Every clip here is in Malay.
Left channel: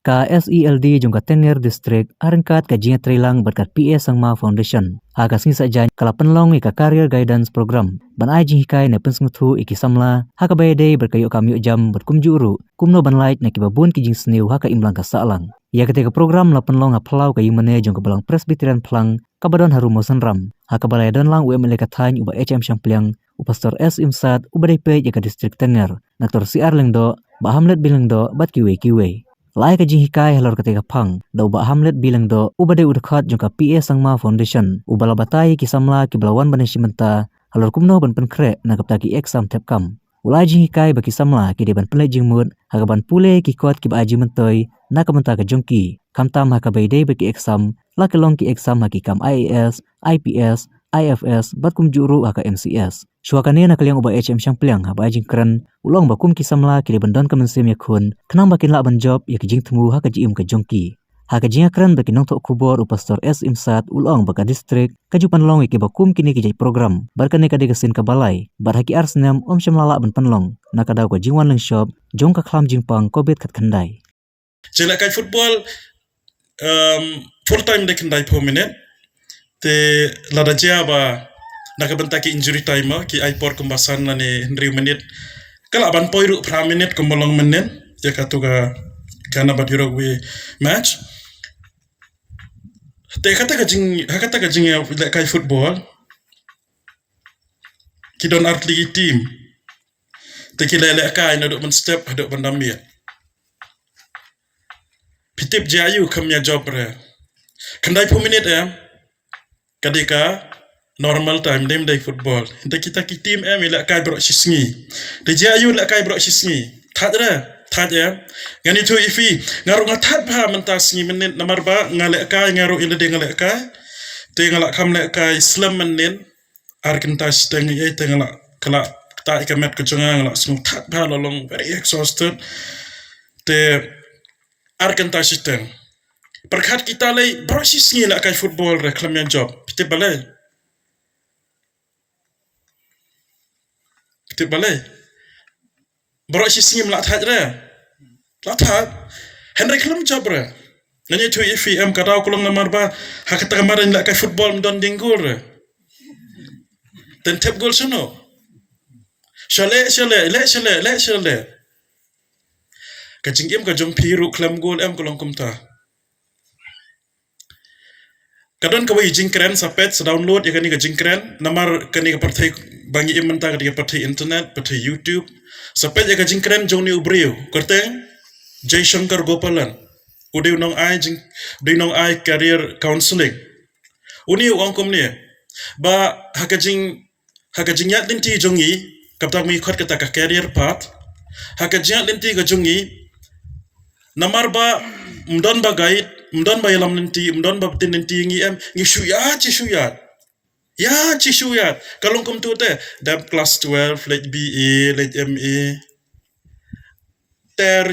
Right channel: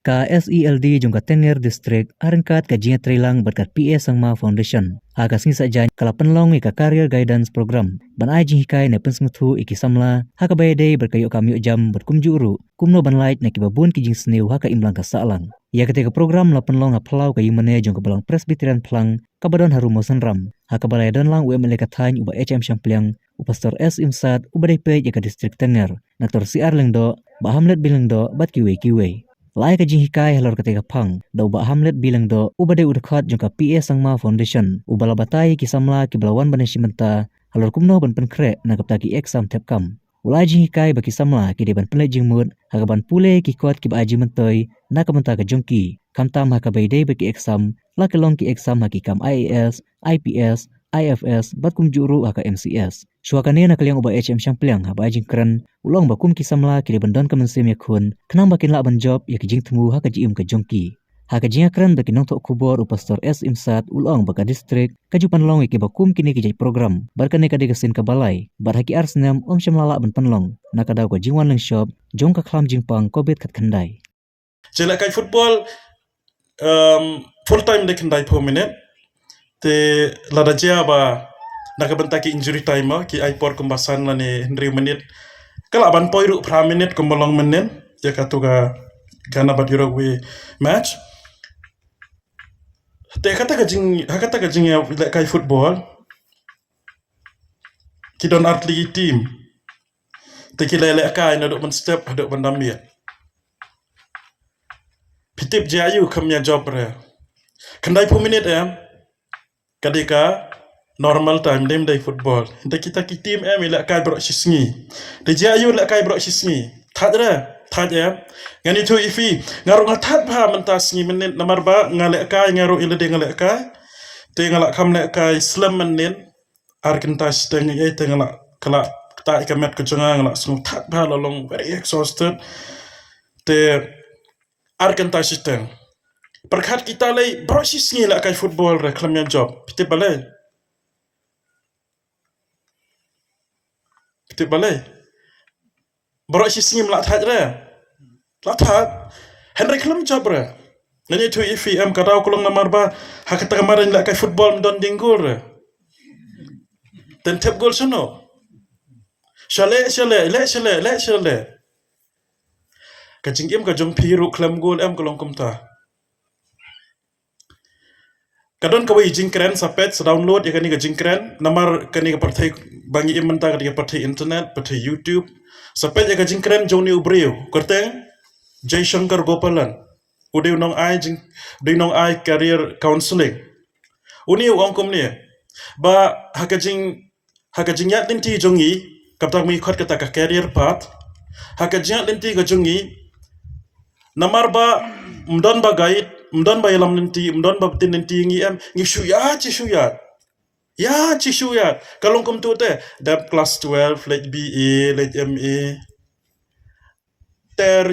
Ka SELD jungka Tenger District arengkat kajian trilang berkat PA Sangma Foundation. Haga sing saja kala penlong ika career guidance program. Ban ai jing hikai na pensnguthu iki samla haka bayade berkayu kami jam berkumjuru kumno ban light na kibabun kijing sniu haka imlang ka salang. Ya ketika program la penlong aplau kayu mene jungka balang presbyterian pelang kabadon harumo senram. Haka balai don lang UML kathain uba HM Syampliang upastor S Imsat ubadai jaka distrik Tenger. Naktor CR lengdo ba Hamlet bilengdo bat kiwe. Lai ka jing hikai halor ketika pang da uba Hamlet bilang do uba de udakhat jungka PA Sangma Foundation uba labatai ki samla ki belawan banan simenta halor kumno ban penkre na kapta ki exam tepkam ulai jing hikai baki samla ki de ban penle jing mut haga ban pule ki kot ki ba aji mentoi na kamenta ka jungki kamtam haka baide baki exam la kelong ki exam haki kam IAS IPS IFS bat kum juru haka MCS Suakane na kaliang uba HM Syampliang haba jing keren ulong bakum kisamla kiri bandon kemensim yakun kenang bakin la ban job yak jing temu haka jiim ka jongki haka jing keren bakin nong tok kubor upastor S Imsat ulong baka distrik kajupan long iki bakum kini ki program barkane ka degasin ka balai bar haki arsnam om syamlala ban panlong nakadaw ka jingwan leng shop jong ka khlam jingpang kobet kat khandai Jela kai football full time de khandai 4 minute te lada jia ba nakabenta ki injury time ki aipor kumbasan lani 100 menit kala ban poiru pra minute kumbolong menen ya katuga kana bat Uruguay match te kata ka jing ya kai football ki don atli team te ki lele kai na dok ban step dok ban damia pitip jayu kamya job re kandai 4 minute kadika normal time dem day football de kita ki team ila kai bro sisngi de jayu la kai bro sisngi that ngani tu ifi ngaru ngathat pha mentas ngi menit nomor ba ngale kai ngaru ila de ngale kai te ngala kam le kai slam menin arkentas teng ye te ngala kala ta ikamet ko jonga ngala sung that pha long very exhausted te arkentas teng perkhat kita le bro sisngi la kai football re klamya job pite balai Bro sisngi mla that re la that Henry klam job re ngani tu IFM kadaw kulong namar ba hakata kamarin la kai football don dinggur re ten tep gol sono Shale kajing ka jong piru klam gol kolong kumta kadon ka wi jingkren sapet download ya kani ka jingkren namar kani ka parthai bangi imenta ka parthai internet parthai YouTube sapet ya ka jingkren joni ubreu korteng Jay Shankar Gopalan udiu nong ai career counseling uni ongkom ni ba hakajing yat linti jongi kaptak mi khot kata ka career path hakajing linti ka jongi namar ba mdon ba guide mdon ba yalam linti mdon ba tin linti ngi shuyat kalong kom tu te dap class 12 let BA let MA ter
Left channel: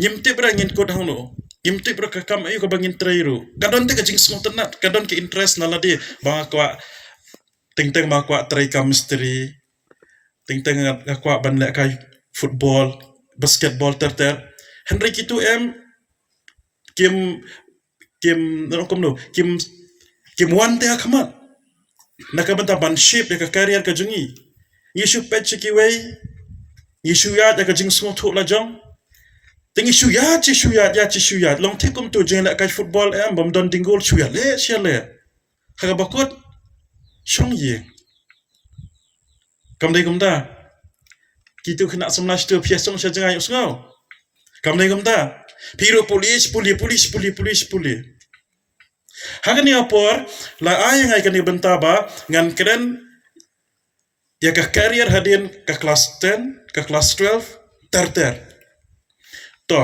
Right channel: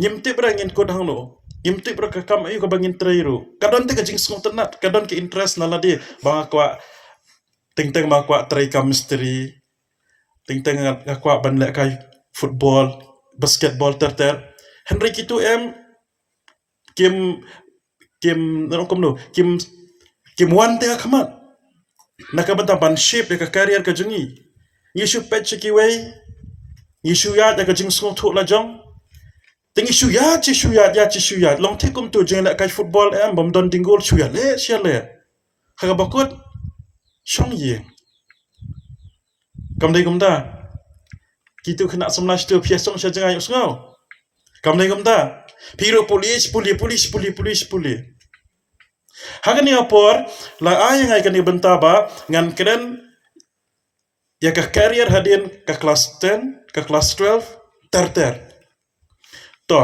nyimti bra ngin ko dangno nyimti bra ka kam ayu ka bangin trairu kadon te ka jing smong tenat kadon ke interest nala di bang akwa ting ba kwa trai chemistry ting akwa ban le kai football basketball ter Henry kitu kim wan te khamat nakabanta ban shape ka career ka jungi yishu patch ki way yishu ya ka jing smong thu la jong ting yishu ya long te kum tu jeng la kai football bom don dingol shuya le khaga bakut shong ye kam dai kum da kitu khna samna stu piasong sha jangai usngau kam dai kum da piro police hagani apor la ay ngai kani bentaba ngan keren ya ka career hadin ka class 10 ka class 12 ter to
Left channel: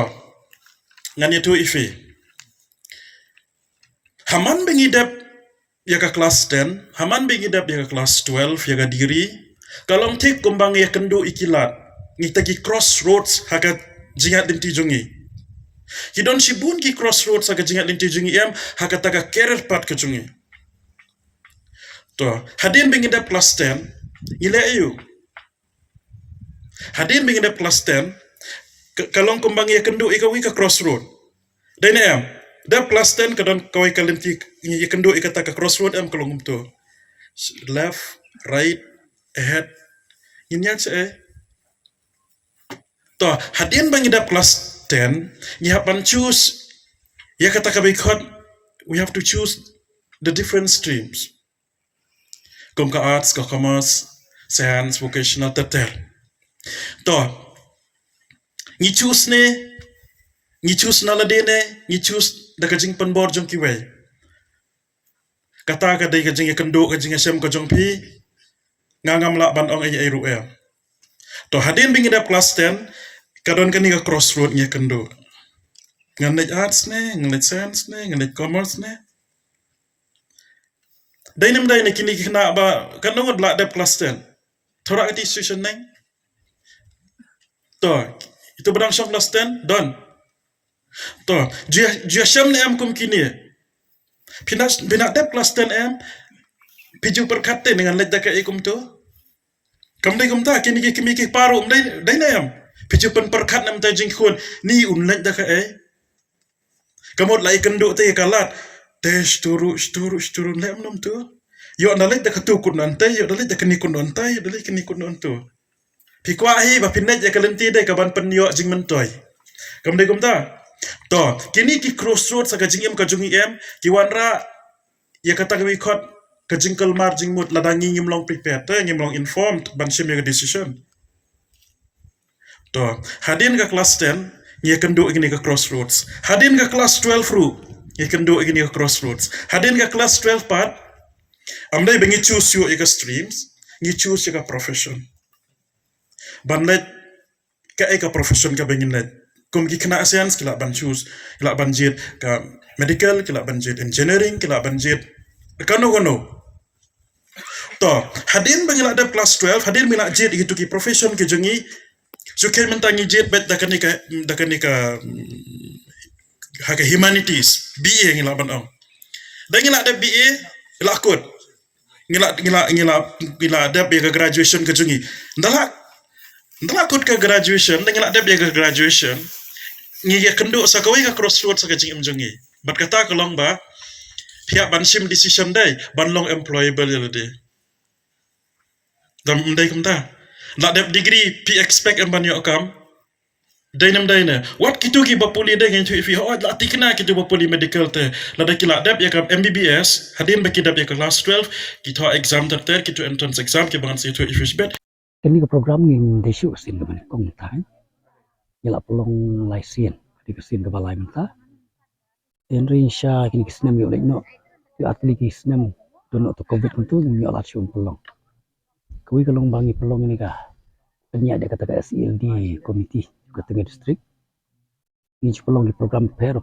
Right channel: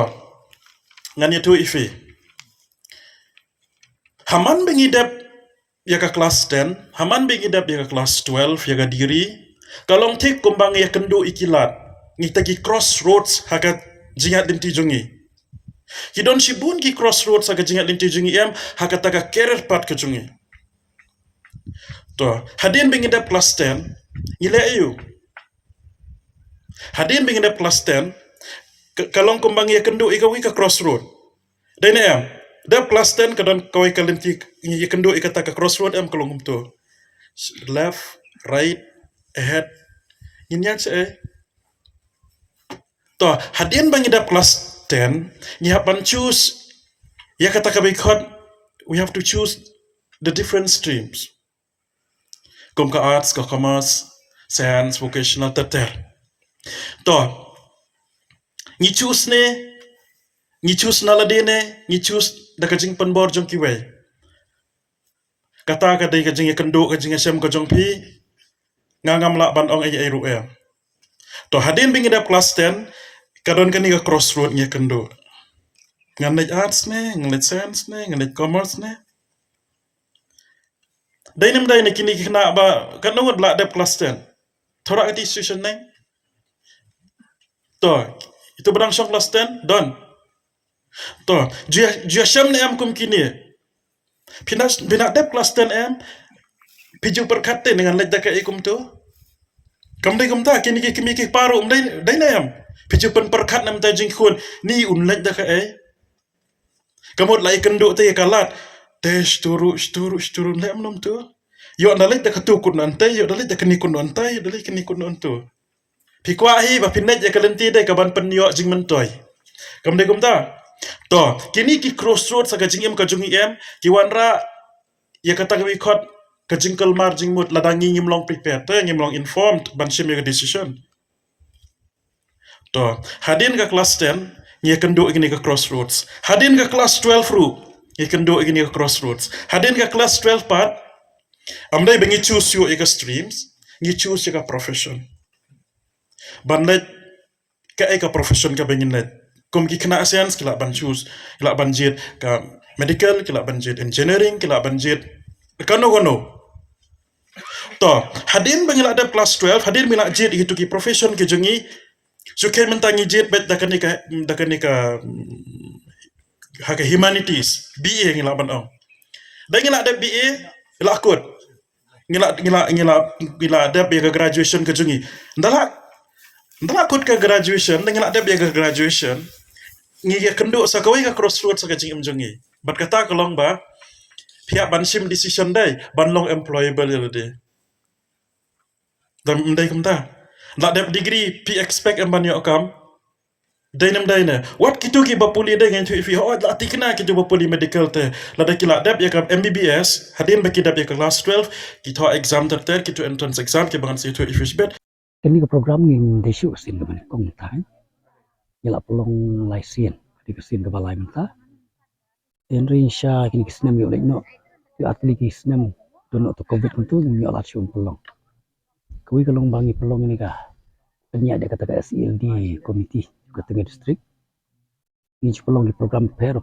ngani tu ifi haman bengidap ya ka class 10 haman bengidap ya ka class 12 ya ka diri kalong tik kumbang ya kendu ikilat ngitagi crossroads haga jingat linti jungi Hidon shibun ki crossroads aga jingat linti jungi hakata ka career path ka jungi to hadin bengidap class 10 ile ayu hadin bengidap class 10 Kalong kumbang ya kendu ikaw ka crossroad. Dai na em. Da plus 10 kadon kawai kalenti ya kendu ikata ka crossroad em kalong umto. Left, right, ahead. Inyan sa To hadin bang ida plus 10, you have to choose. Ya kata ka bikot, we have to choose the different streams. Kum ka arts, ka commerce, science, vocational, teter. To, ni choose na ladine, ni choose da kajing penbor jong kiway. Kata ka day kajing ikendu, kajing asyam ka jong pi, ngangam lak ban ong ay ru em. To hadin bing ida plus 10, kadon kani ka crossroad nya kendo. Nganit arts ne, nganit science ne, nganit commerce ne. Dainem dai ne kini kena ba kanungod la da plus 10. Thora iti situation ne. To, itu bedang syong plus 10, don. To, jia syam ne am kum kini. Pinak da plus 10 am, piju perkate dengan lej da ka ikum tu. Kamdai kumta kini kimi ki paru dai ne am. Piju pen perkat nam ta jing khun ni un lej da ka Kamot lai kenduk te kalat. Tes turu lem nom tu. Yo nalit da katukun nantai, yo nalit da kenikun nantai, yo nalit kenikun nantu. Pikwa hi ba pinet ya kalenti dai kaban penyo jing mentoy. Kamdai kumta. To, kini ki crossroad sa kajing em kajung em, ki wanra ya kata kami khot kajing kelmar jing mut ladangi ngimlong prepare te ngimlong informed ban sim ya decision. To, hadin ka kelas 10 ya kendu ini ke crossroads. Hadin ke kelas 12 ru ya kendu ini ke crossroads. Hadin ke kelas 12 part amdai bengi choose you ika streams, ngi choose ika profession. Banlet ka ika profession ka bengin let. Kum ki kena science kila ban choose, kila ban jet ka medical, kila ban jet engineering, kila ban jet kano. To, hadin bengi la ada kelas 12, hadin mila jet itu ki profession ki jengi sukai mentangi jet bet dakanika haka humanities BA ngila ban ong. Dan ngila ada BA ngila akut. Ngila ada biaya graduation ke jungi. Ndala akut ke graduation dan ngila ada biaya graduation. Ngiya kenduk sakawai ka crossroad sa kajing jungi. Bat kata kalong ba pihak ban sim decision dai ban long employable de. Dan ndai kumta. Nak dap degree pi expect ban yo kam. Dainem daina. What kitu ki bapuli dai ngan tu ifi ho la tikna kitu bapuli medical te. Lada kila dap ya kam MBBS, hadin baki dap ya class 12, kita exam ter kitu entrance exam ki bangan situ ifi bet. Kini ke program ngin desu sin ke mana kong tai. Yala pelong lai sin, di kesin ke balai menta. Enri insya kini kisnem yo lekno. Yo atli kisnem dono to covid tentu yo alat syun pelong. Kui kalong bangi pelong ini kah. Penyak dia kata SEL di komiti juga tengah distrik. Ini pelong di program per.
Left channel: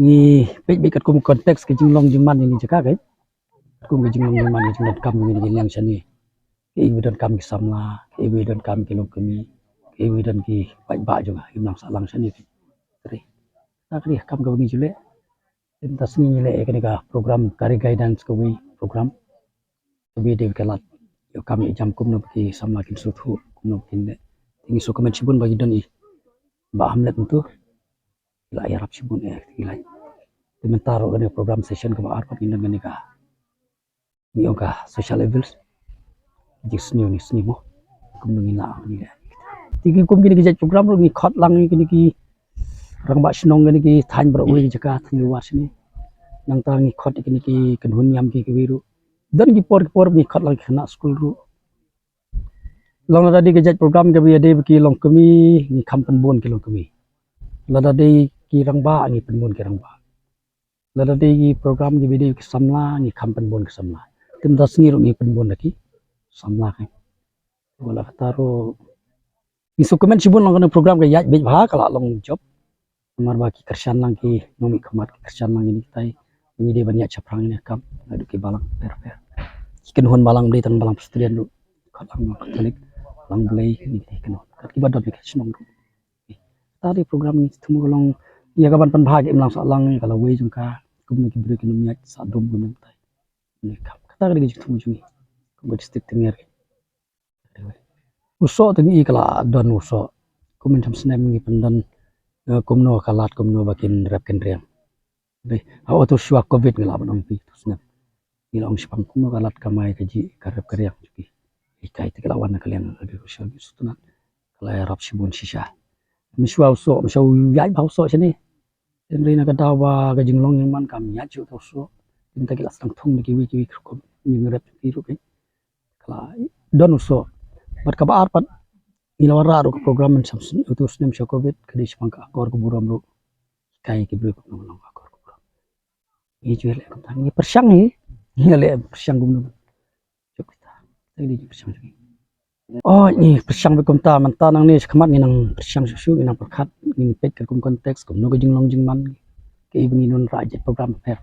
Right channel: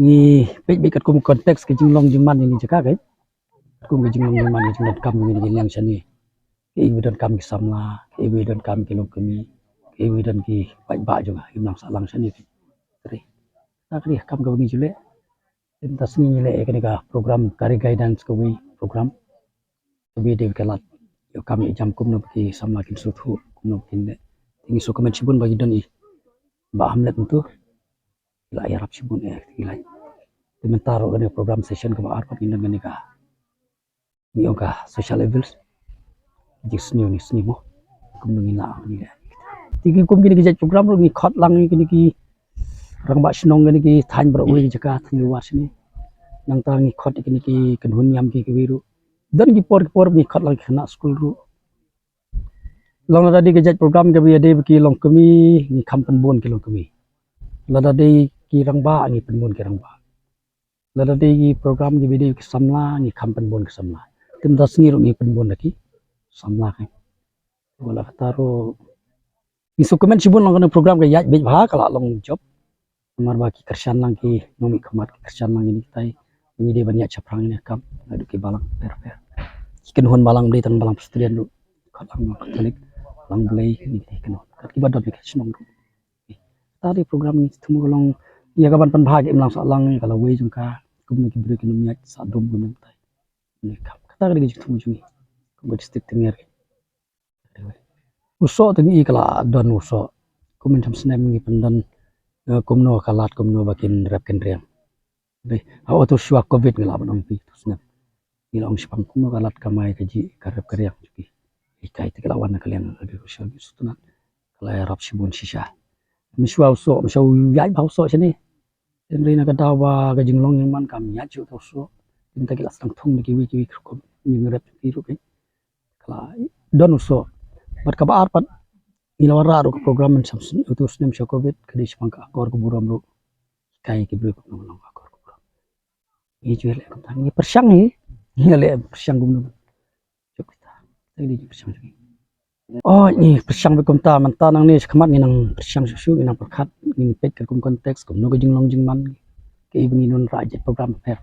Ni baik kat kum konteks ke jinglong jiman ini jaka kai. Kum ke jinglong jiman jinglong kam ini yang sini. Ke evident kam ki samla, ke evident kam ki lokami, ke evident ki baik juga imlang salang sini. Teri. Takri kam ke bagi jule. Entah sini le ke nika program career guidance ke program. Kebi de kelat. Yo kami jam kum no ki samla kin sutu kum no kin de. Tingi so komen sibun bagi don i. Ba hamlet tu. Ila ya rap sibun ila. Mentaro ke program session ke ba arpat indan ke nika. Ni oka social levels. Jis ni mo kum ngi la ni tigi kum gini ki program ro ni khot lang ni ki rang ba snong ni ki than bro wi jaka thni was ni nang ta ni khot ni ki kanhun yam ki wiru dan ki por ni khot lang khna school ru long da di ki program ke bi de ki long kami ni kampan bon ki long kami la da de ki rang ba ni pen bon ki rang ba la da de ki program ki bi de ki samla ni kampan bon ki samla tim das ni ro ni pen bon ki samla kai wala kataro isu komen sibun lang program ke yaj bej bha kala long job mar ba ki kersan lang ki nomi khamat ki kersan lang ini tai ini de banyak chaprang ini kam adu ki balang per ken hon balang de tan balang student lu khalang kalik lang blai ni ken ki badot ki snong tadi program ni tumu long ya kaban pan bha ke lang sa lang kala we jungka kum ki break ni yaj sa dum gun tai ni kam kata ke tumu jungi kum district tengger uso tadi ikla don uso kum macam senem ngi pendan kum no kalat kum no bakin rap ken riang be auto syua covid ngala banong pi senem ilong spam kum no kalat kamai kaji karep keriang juki ikai te lawan kalian lagi sosial sutunan kalai rap sibun sisa miswa so misau yai bau so sini Henry na kadawa ka jinglong yang man kam ya chu so tinta kilas tang thong ni kiwi ko ni rep piru ke kala don so bat ka bar pat ilawara ro program men samsun itu snem sho covid kadi semangka akor ko buram ro kai ki bru ko nong akor ko buram ni ju le kam ni persyang ni le persyang gum cuk kita tadi persyang oh ni persyang be kumta manta nang ni khmat ni nang persyang su ni nang perkhat ni pet ka kum konteks kum no ka jinglong jingman ke ibni non rajet program fair